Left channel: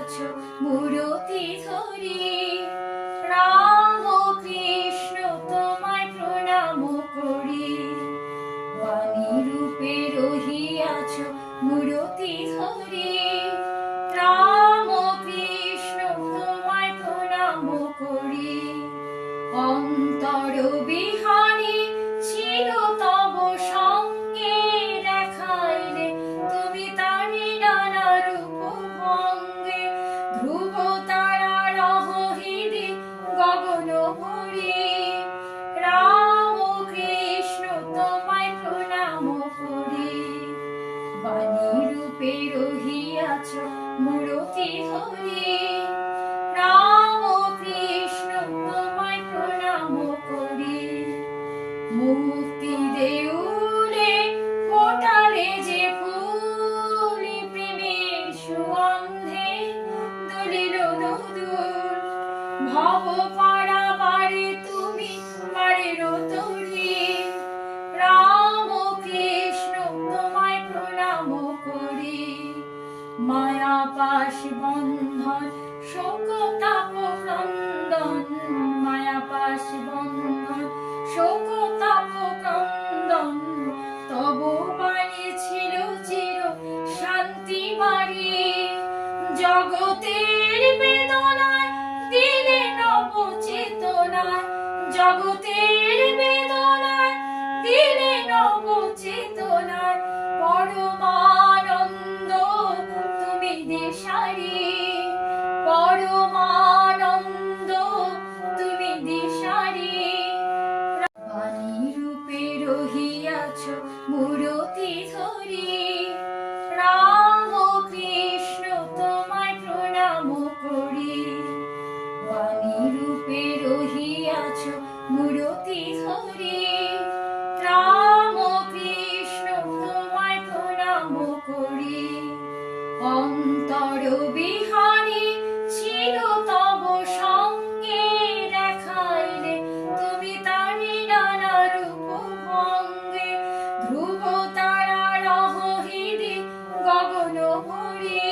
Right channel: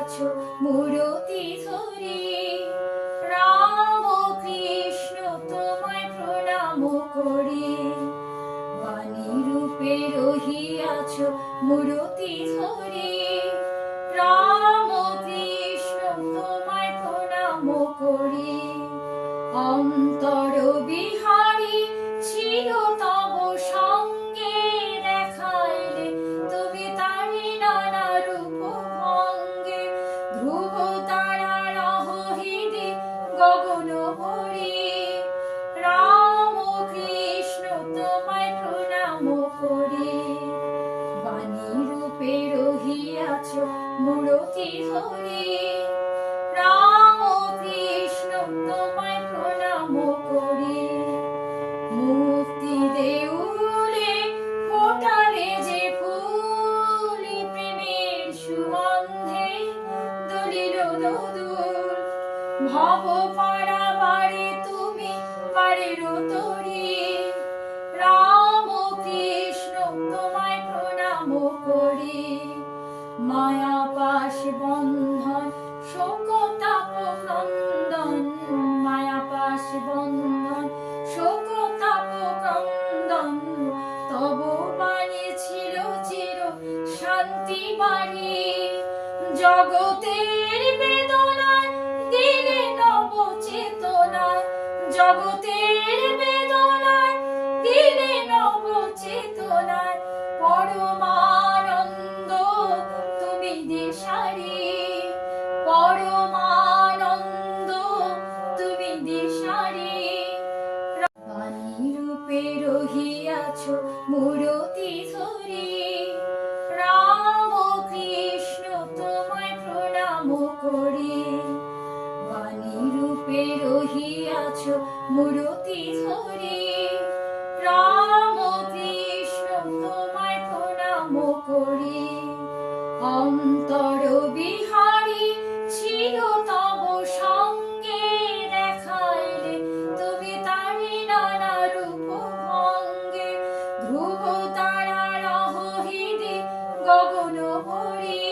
আছো মূরতি ধরি। রাম কৃষ্ণ তোমায় প্রণাম করি, বাণী রূপে রহিয়াছ মূরতি ধরি। রাম কৃষ্ণ তোমায় প্রণাম করি, অন্তর বিহারী ছিল তব সঙ্গে, দেখাইলে তুমি তারি নানা রূপ ভঙ্গে। ধ্রুব তারার হৃদে গগন ভরি, রাম কৃষ্ণ তোমায় প্রণাম করি, বাণী রূপে রহিয়াছ মূরতি ধরি। রাম কৃষ্ণ তোমায় প্রণাম করি, মুক্তি দেউলে ফোটালে যে ফুল, প্রেমের সুগন্ধে দুলিল দোদুল। ভব পারাবারে তুমি পারের তরি, রাম কৃষ্ণ তোমায় প্রণাম করি। মায়া পাশ বন্ধন শোক তাপ ক্রন্দন, মায়া পাশ বন্ধন শোক তাপ ক্রন্দন। তব বাণী ছিল চির শান্তি বাড়ি, জগতের বেদনায় দিলে নব চেতনায়। জগতের বেদনায় দিলে নব চেতনায়, পরমানন্দ তুমি দিশারি। পরমানন্দ তুমি দিশারি, বাণী রূপে রহিয়াছ মূরতি ধরি। রাম কৃষ্ণ তোমায় প্রণাম করি, বাণী রূপে রহিয়াছ মূরতি ধরি। রাম কৃষ্ণ তোমায় প্রণাম করি, অন্তর বিহারী ছিল তব সঙ্গে, দেখাইলে তুমি তারি নানা রূপ ভঙ্গে। ধ্রুব তারার হৃদে গগন ভরি,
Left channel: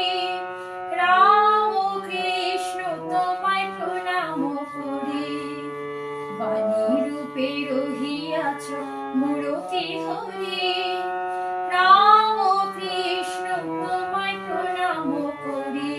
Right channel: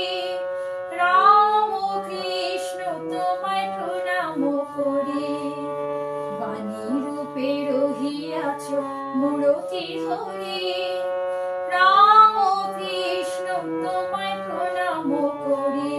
রাম কৃষ্ণ তোমায় প্রণাম করি, বাণী রূপে রহিয়াছ মূরতি ধরি। রাম কৃষ্ণ তোমায় প্রণাম করি,